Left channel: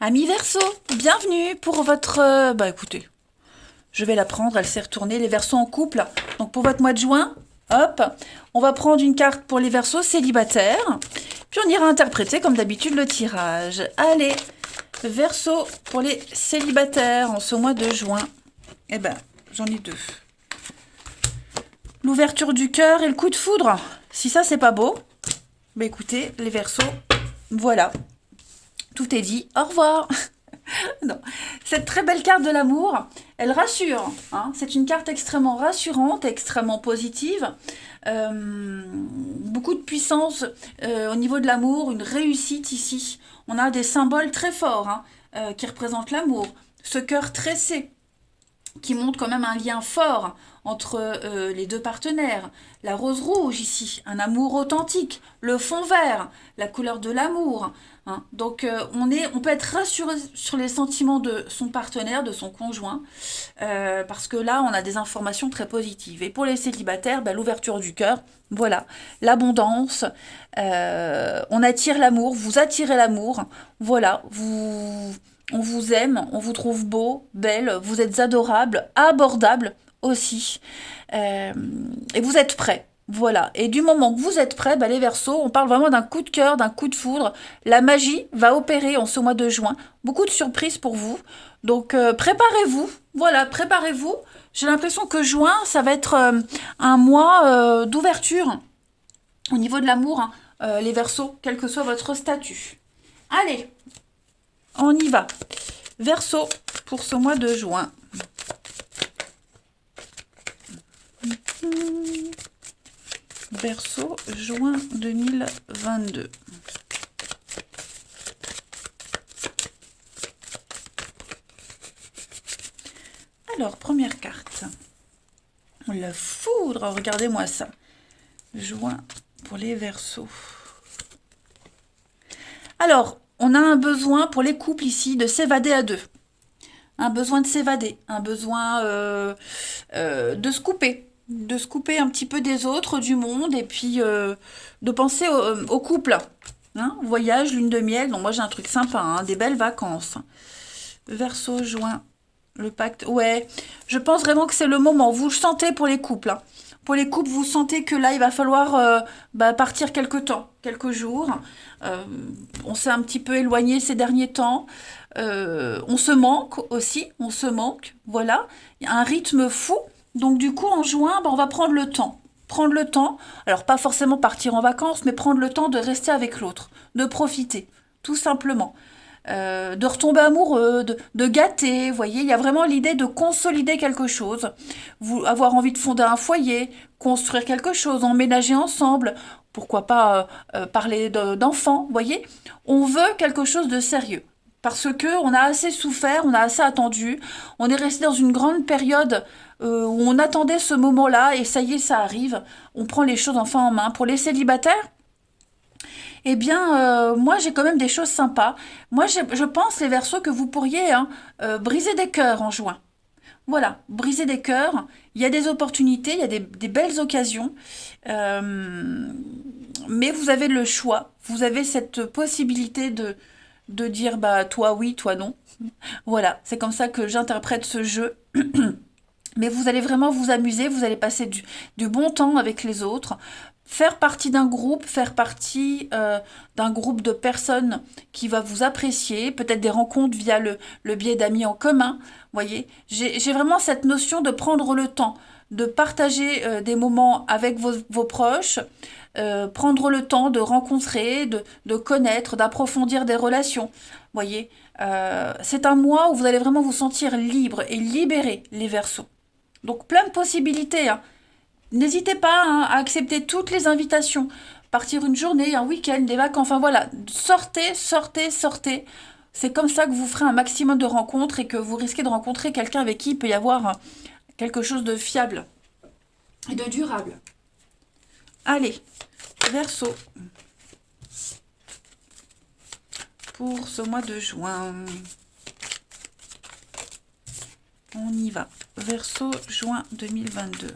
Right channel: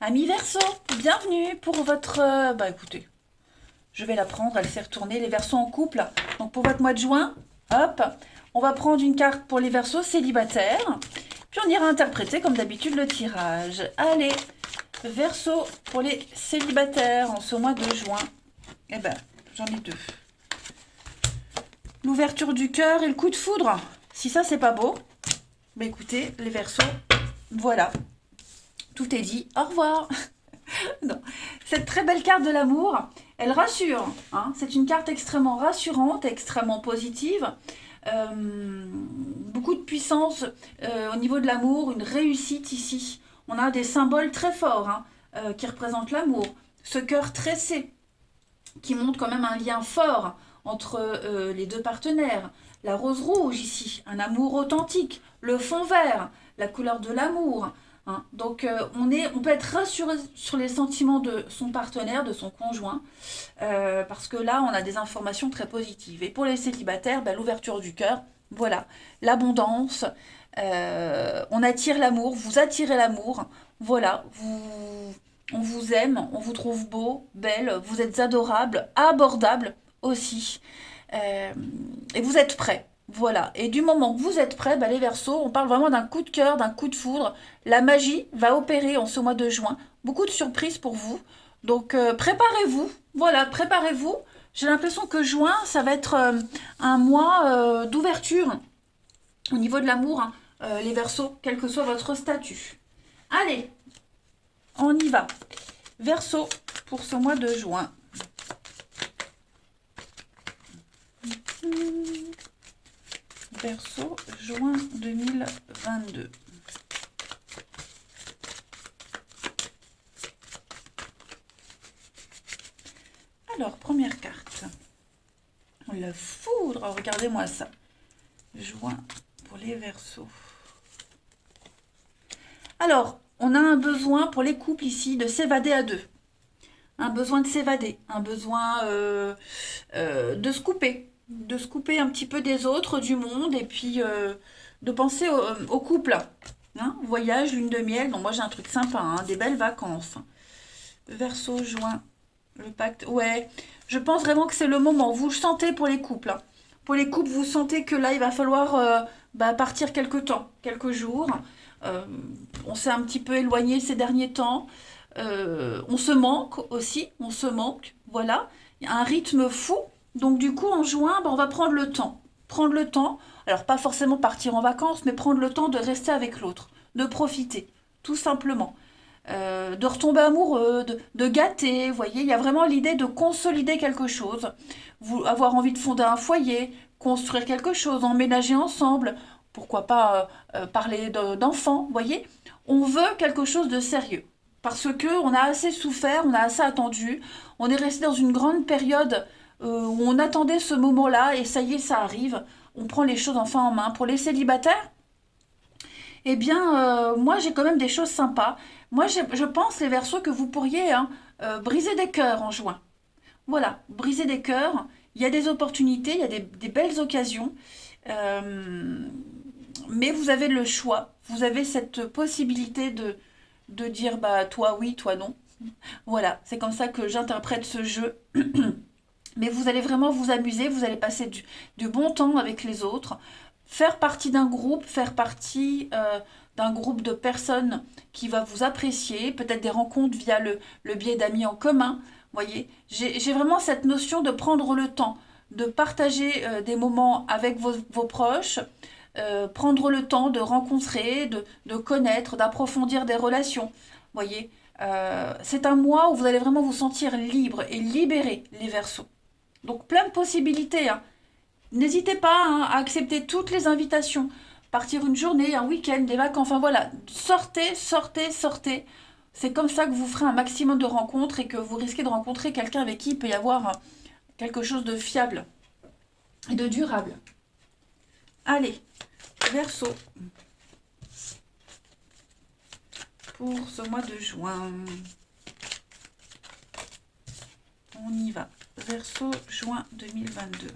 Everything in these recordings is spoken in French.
Amis Verseau, bienvenue pour votre... bah écoutez, je vais la prendre, elle s'est retournée, les Verseaux en couple. Donc pour votre mois de juin, hop, on va prendre une carte pour les Verseaux célibataires. Puis on ira interpréter comme d'habitude le tirage. Allez, Verseau pour les célibataires en ce mois de juin. Eh ben, j'en ai deux. L'ouverture du cœur et le coup de foudre. Si ça c'est pas beau, bah écoutez, les Verseaux, voilà. Tout est dit, au revoir. Non. Cette très belle carte de l'amour, elle rassure. Hein. C'est une carte extrêmement rassurante, extrêmement positive. Beaucoup de puissance au niveau de l'amour, une réussite ici. On a des symboles très forts qui représentent l'amour. Ce cœur tressé qui montre quand même un lien fort entre les deux partenaires. La rose rouge ici, un amour authentique. Le fond vert, la couleur de l'amour. Hein. Donc on peut être rassuré sur les sentiments de son partenaire, de son conjoint, parce que là on a des informations très positives. Et pour les célibataires, ben, l'ouverture du cœur, voilà, l'abondance, on attire l'amour, vous attirez l'amour, voilà, on vous aime, on vous trouve beau, belle, vous êtes adorable, abordable aussi, euh, et vous êtes prêts. Voilà. Et du moment que vous êtes prêts, bah, les Verseaux, on parle vraiment d'un coup de cœur, d'un coup de foudre. La magie va opérer en ce mois de juin. Beaucoup de surprises pour vous. Donc préparez-vous. Voilà, préparez-vous. J'ai l'impression que juin, ça va être un mois d'ouverture au niveau de l'amour, hein, les Verseaux, quel que soit votre statut. Allez, on y va. Verseau pour ce mois de juin. Verseau, juin 2022. Alors, première carte. La foudre, regardez-moi ça. Juin pour les Verseaux. Alors, on a un besoin pour les couples ici de s'évader à deux. Un besoin de s'évader, un besoin de se couper un petit peu des autres, du monde, et puis de penser au couple. Hein, voyage, lune de miel, donc moi j'ai un truc sympa, hein, des belles vacances. Verseau, juin, le pacte, ouais, je pense vraiment que c'est le moment, vous le sentez pour les couples. Hein. Pour les couples, vous sentez que là, il va falloir partir quelques temps, quelques jours. Euh, on s'est un petit peu éloigné ces derniers temps. On se manque aussi, on se manque, voilà. Il y a un rythme fou. Donc du coup, en juin, on va prendre le temps. Prendre le temps, alors pas forcément partir en vacances, mais prendre le temps de rester avec l'autre, de profiter, tout simplement. De retomber amoureux, de gâter, vous voyez, il y a vraiment l'idée de consolider quelque chose, vous, avoir envie de fonder un foyer, construire quelque chose, emménager ensemble, pourquoi pas parler d'enfants, vous voyez, on veut quelque chose de sérieux. Parce que on a assez souffert, on a assez attendu, on est resté dans une grande période où on attendait ce moment-là et ça y est, ça arrive. On prend les choses enfin en main. Pour les célibataires, eh bien, moi, j'ai quand même des choses sympas. Moi, je pense, les Verseaux, que vous pourriez briser des cœurs en juin. Voilà, briser des cœurs. Il y a des opportunités, il y a des belles occasions. Euh, mais vous avez le choix. Vous avez cette possibilité de dire, bah, toi oui, toi non. Voilà, c'est comme ça que j'interprète ce jeu. Mais vous allez vraiment vous amuser, vous allez passer du bon temps avec les autres, faire partie d'un groupe, faire partie d'un groupe de personnes qui va vous apprécier, peut-être des rencontres via le biais d'amis en commun. Voyez, j'ai vraiment cette notion de prendre le temps, de partager des moments avec vos proches, prendre le temps de rencontrer, de connaître, d'approfondir des relations. Voyez, c'est un mois où vous allez vraiment vous sentir libre et libéré, les Verseaux. Donc plein de possibilités. Hein. N'hésitez pas hein, à accepter toutes les invitations. Partir une journée, un week-end, des vacances, enfin voilà. Sortez, sortez, sortez. C'est comme ça que vous ferez un maximum de rencontres et que vous risquez de rencontrer quelqu'un avec qui il peut y avoir quelque chose de fiable et de durable. Allez, Verseau, pour ce mois de juin. On y va. Verseau, juin 2022.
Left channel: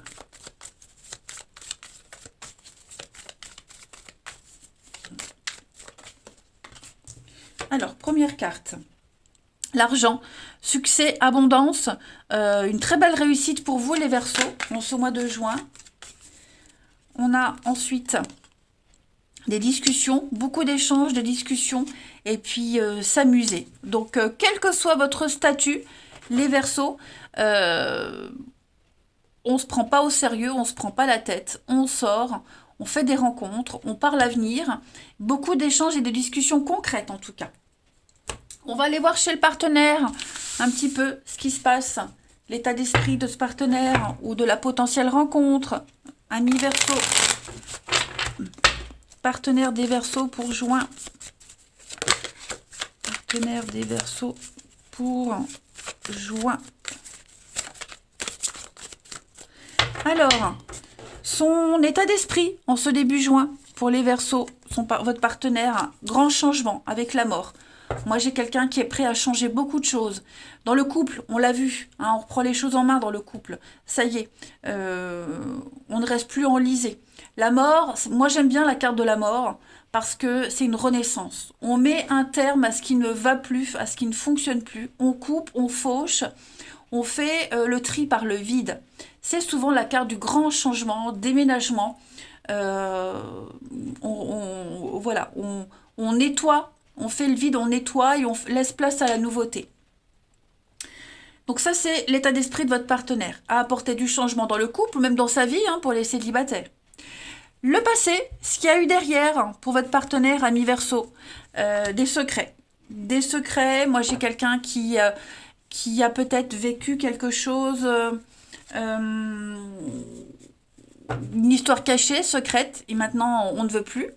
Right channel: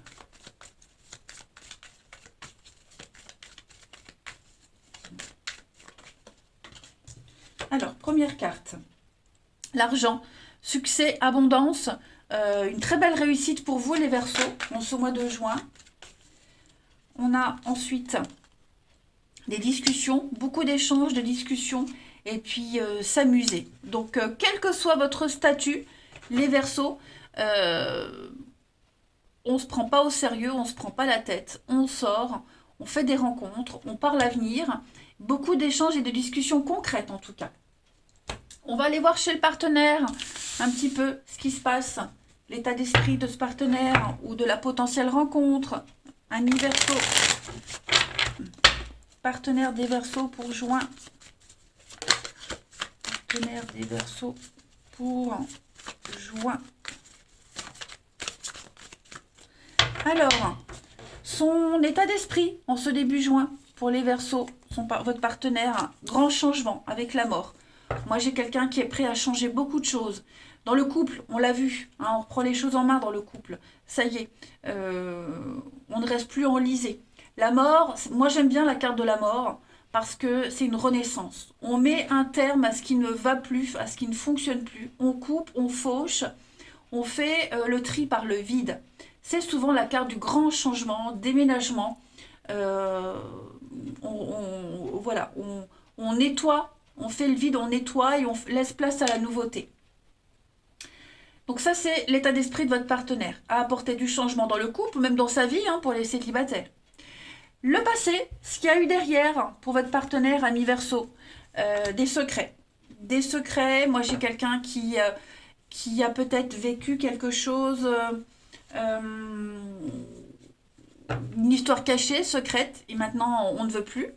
Alors, première carte. l'argent, succès, abondance, une très belle réussite pour vous les Verseaux en ce mois de juin. On a ensuite des discussions, beaucoup d'échanges, de discussions, et puis s'amuser. Donc, quel que soit votre statut, les Verseaux, on ne se prend pas au sérieux, on ne se prend pas la tête, on sort, on fait des rencontres, on parle l'avenir, beaucoup d'échanges et de discussions concrètes en tout cas. On va aller voir chez le partenaire un petit peu ce qui se passe, l'état d'esprit de ce partenaire ou de la potentielle rencontre. Amis Verseaux, partenaire des Verseaux pour juin. Partenaire des Verseaux pour juin. Alors, son état d'esprit en ce début juin pour les Verseaux, votre partenaire, grand changement avec la mort. Moi, j'ai quelqu'un qui est prêt à changer beaucoup de choses. Dans le couple, on l'a vu, hein, on reprend les choses en main dans le couple. Ça y est, on ne reste plus enlisé. La mort, moi j'aime bien la carte de la mort parce que c'est une renaissance. On met un terme à ce qui ne va plus, à ce qui ne fonctionne plus. On coupe, on fauche, on fait le tri par le vide. C'est souvent la carte du grand changement, déménagement. Voilà, on nettoie. On fait le vide, on nettoie et on laisse place à la nouveauté. Donc ça, c'est l'état d'esprit de votre partenaire, à apporter du changement dans le couple, ou même dans sa vie, hein, pour les célibataires. Le passé, ce qu'il y a eu derrière pour votre partenaire, ami Verseau, des secrets. Des secrets, moi j'ai quelqu'un qui a peut-être vécu quelque chose... une histoire cachée, secrète, et maintenant on ne veut plus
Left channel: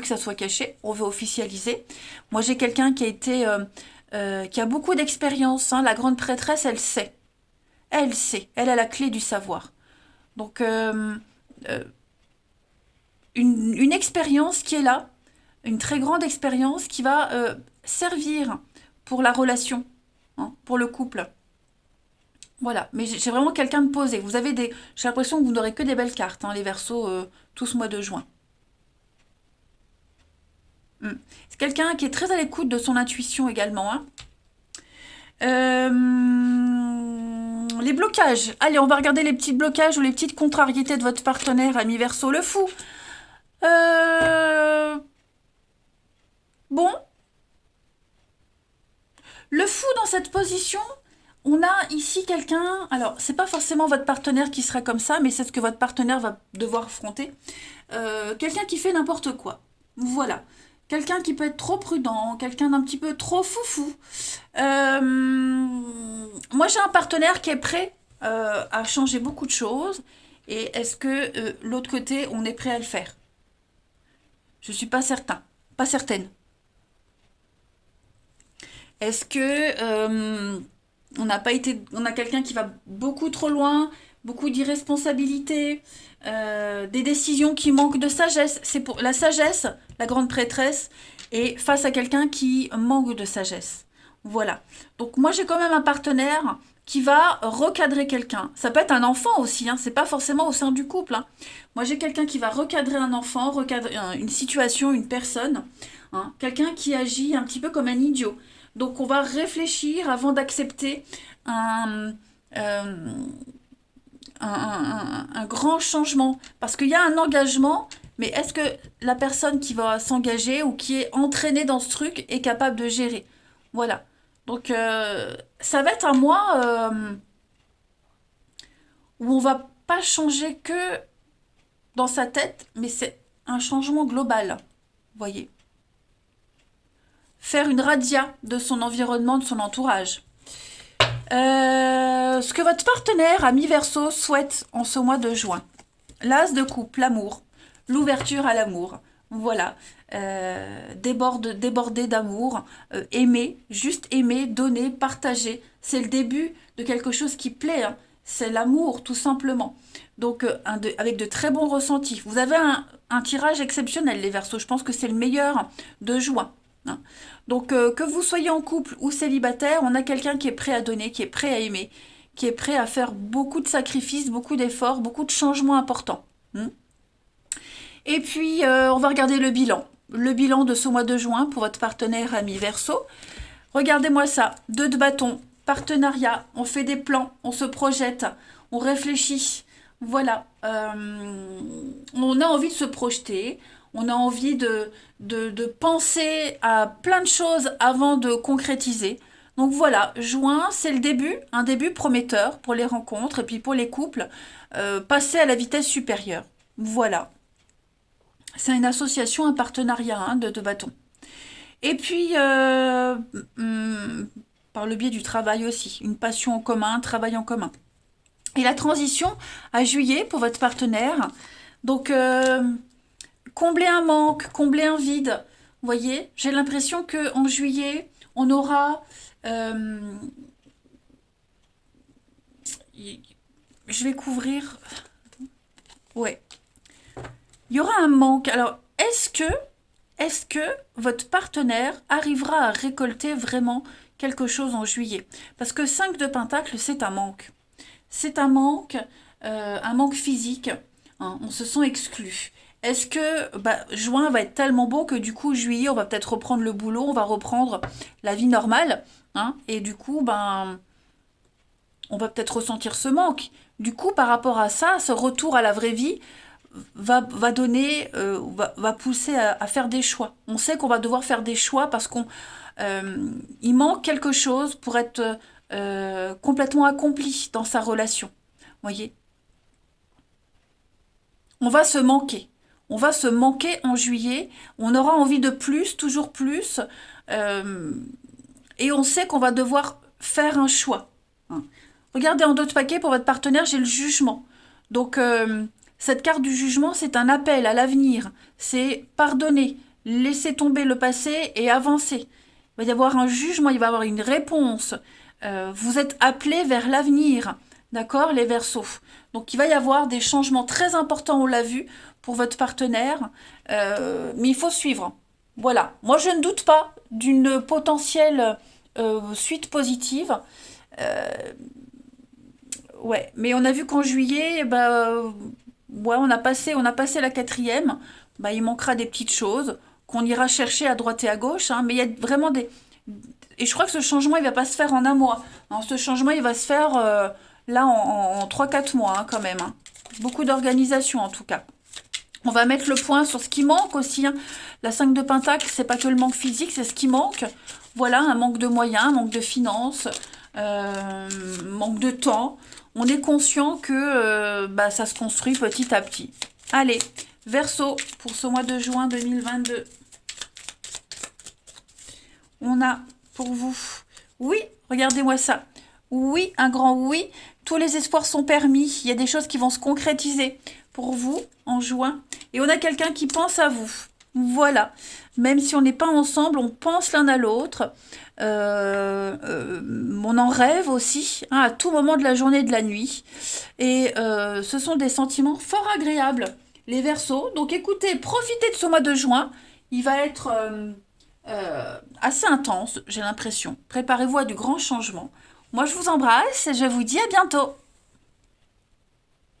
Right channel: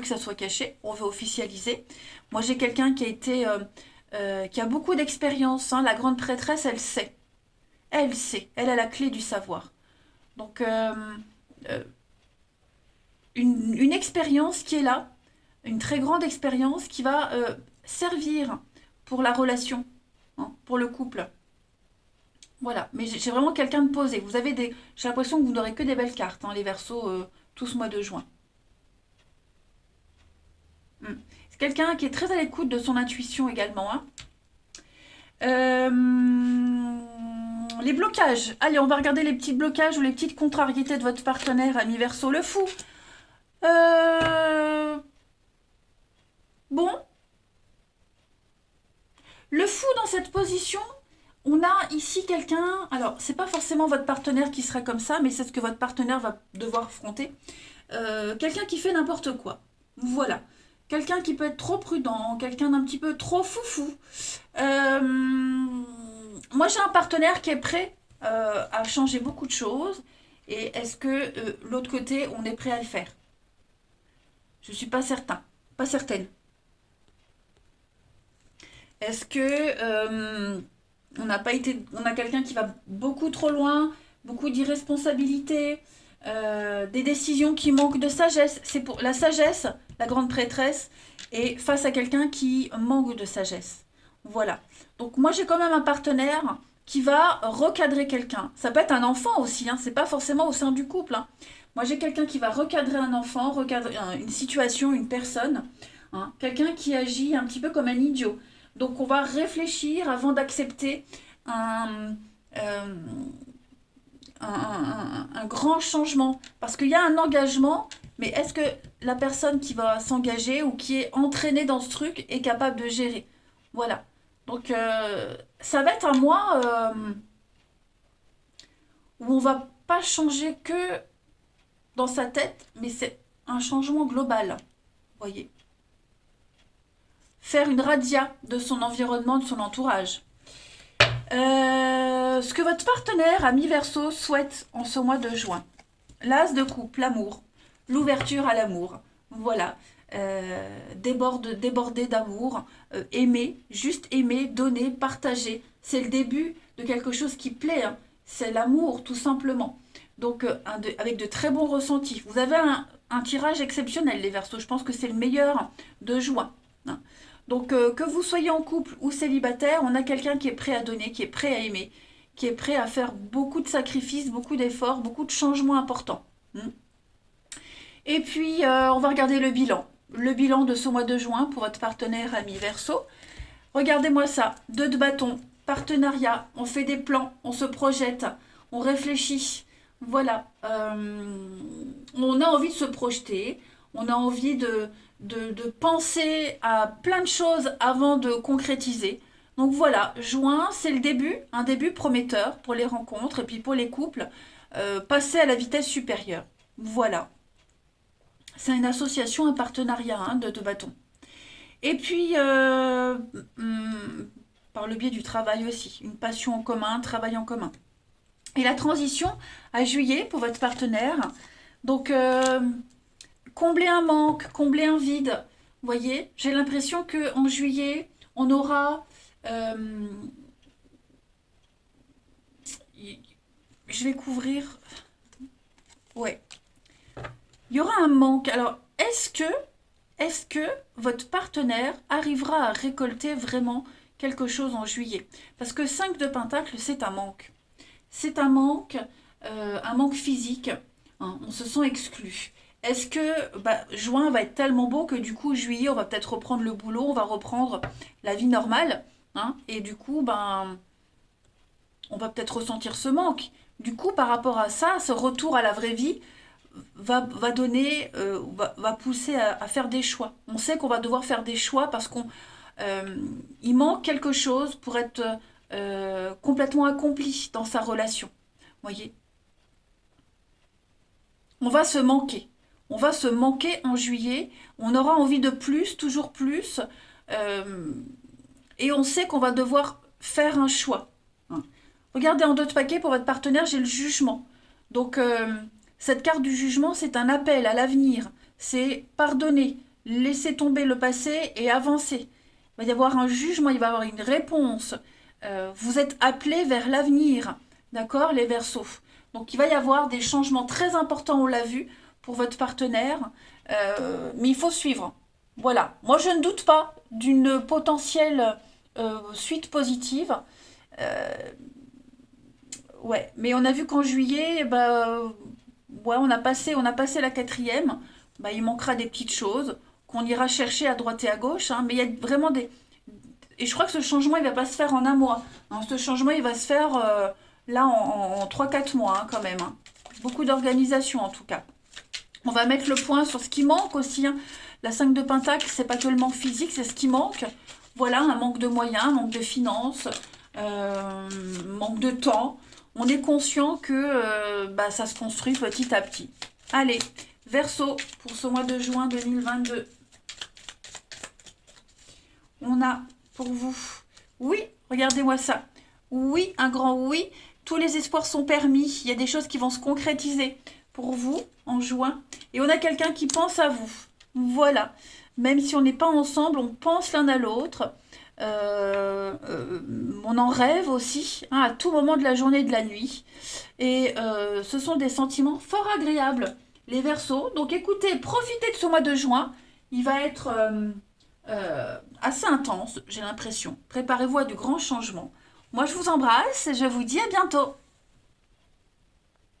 que ça soit caché, on veut officialiser. Moi j'ai quelqu'un qui a été, qui a beaucoup d'expérience, hein. La grande prêtresse, elle sait, elle a la clé du savoir. Donc une expérience qui est là, une très grande expérience qui va servir pour la relation, hein, pour le couple. Voilà, mais j'ai vraiment quelqu'un de posé. J'ai l'impression que vous n'aurez que des belles cartes, hein, les Verseaux, tout ce mois de juin. C'est quelqu'un qui est très à l'écoute de son intuition également, hein. Les blocages. Allez, on va regarder les petits blocages ou les petites contrariétés de votre partenaire, ami Verseau. Le fou. Bon. Le fou dans cette position... On a ici quelqu'un, alors c'est pas forcément votre partenaire qui serait comme ça, mais c'est ce que votre partenaire va devoir affronter. Quelqu'un qui fait n'importe quoi. Voilà. Quelqu'un qui peut être trop prudent, quelqu'un d'un petit peu trop foufou. Moi j'ai un partenaire qui est prêt à changer beaucoup de choses. Et est-ce que l'autre côté, on est prêt à le faire? Je suis pas certain, pas certaine. Est-ce que... on a quelqu'un qui va beaucoup trop loin, beaucoup d'irresponsabilité, des décisions qui manquent de sagesse. C'est pour la sagesse, la grande prêtresse, et face à quelqu'un qui manque de sagesse. Voilà. Donc moi j'ai quand même un partenaire qui va recadrer quelqu'un. Ça peut être un enfant aussi, hein, c'est pas forcément au sein du couple, hein. Moi j'ai quelqu'un qui va recadrer un enfant, recadrer une situation, une personne, hein, quelqu'un qui agit un petit peu comme un idiot. Donc on va réfléchir avant d'accepter euh, un grand changement. Parce qu'il y a un engagement, mais est-ce que la personne qui va s'engager ou qui est entraînée dans ce truc est capable de gérer? Voilà. Donc ça va être un mois où on va pas changer que dans sa tête, mais c'est un changement global. Vous voyez? Faire une radia de son environnement, de son entourage. Ce que votre partenaire, ami Verseau, souhaite en ce mois de juin. L'as de coupe, l'amour, l'ouverture à l'amour. Voilà. Déborder d'amour, aimer, juste aimer, donner, partager. C'est le début de quelque chose qui plaît, hein. C'est l'amour, tout simplement. Donc, avec de très bons ressentis. Vous avez un tirage exceptionnel, les Verseaux. Je pense que c'est le meilleur de juin, hein. Donc, que vous soyez en couple ou célibataire, on a quelqu'un qui est prêt à donner, qui est prêt à aimer, qui est prêt à faire beaucoup de sacrifices, beaucoup d'efforts, beaucoup de changements importants. Et puis, on va regarder le bilan. Le bilan de ce mois de juin pour votre partenaire ami Verseau. Regardez-moi ça, 2 de bâton, partenariat, on fait des plans, on se projette, on réfléchit. Voilà, on a envie de se projeter, on a envie de penser à plein de choses avant de concrétiser. Donc voilà, juin, c'est le début, un début prometteur pour les rencontres et puis pour les couples, passer à la vitesse supérieure. Voilà, c'est une association, un partenariat hein, de bâtons. Et puis, par le biais du travail aussi, une passion en commun, un travail en commun. Et la transition à juillet pour votre partenaire. Donc, combler un manque, combler un vide. Vous voyez, j'ai l'impression qu'en juillet, on aura... euh, je vais couvrir... Ouais. Il y aura un manque. Alors, est-ce que votre partenaire arrivera à récolter vraiment quelque chose en juillet? Parce que 5 de Pentacle, c'est un manque. C'est un manque physique. Hein, on se sent exclu. Est-ce que juin va être tellement beau que du coup, juillet, on va peut-être reprendre le boulot, on va reprendre la vie normale. Hein, et du coup, on va peut-être ressentir ce manque. Du coup, par rapport à ça, ce retour à la vraie vie, va donner, va pousser à faire des choix. On sait qu'on va devoir faire des choix parce il manque quelque chose pour être complètement accompli dans sa relation. Voyez, on va se manquer. On va se manquer en juillet. On aura envie de plus, toujours plus. euh, et on sait qu'on va devoir faire un choix. Hein. Regardez en d'autres paquets pour votre partenaire, j'ai le jugement. Donc, cette carte du jugement, c'est un appel à l'avenir. C'est pardonner, laisser tomber le passé et avancer. Il va y avoir un jugement, il va y avoir une réponse. Vous êtes appelés vers l'avenir. D'accord, les Verseaux. Donc, il va y avoir des changements très importants, on l'a vu, pour votre partenaire. Mais il faut suivre. Voilà. Moi, je ne doute pas d'une potentielle suite positive. Euh, Ouais, mais on a vu qu'en juillet, ouais, on a passé la quatrième. Il manquera des petites choses qu'on ira chercher à droite et à gauche. Hein, mais il y a vraiment des... Et je crois que ce changement, il va pas se faire en un mois. Hein, ce changement, il va se faire là en 3-4 mois hein, quand même. Hein. Beaucoup d'organisation en tout cas. On va mettre le point sur ce qui manque aussi. Hein. La 5 de Pentacle, c'est pas que le manque physique, c'est ce qui manque. Voilà, un manque de moyens, un manque de finances, manque de temps. On est conscient que ça se construit petit à petit. Allez, Verseau, pour ce mois de juin 2022. On a pour vous, oui, regardez-moi ça. Oui, un grand oui. Tous les espoirs sont permis. Il y a des choses qui vont se concrétiser pour vous en juin. Et on a quelqu'un qui pense à vous. Voilà. Même si on n'est pas ensemble, on pense l'un à l'autre. On en rêve aussi, hein, à tout moment de la journée et de la nuit. Et ce sont des sentiments fort agréables, les Verseaux. Donc écoutez, profitez de ce mois de juin. Il va être assez intense, j'ai l'impression. Préparez-vous à du grand changement. Moi, je vous embrasse et je vous dis à bientôt.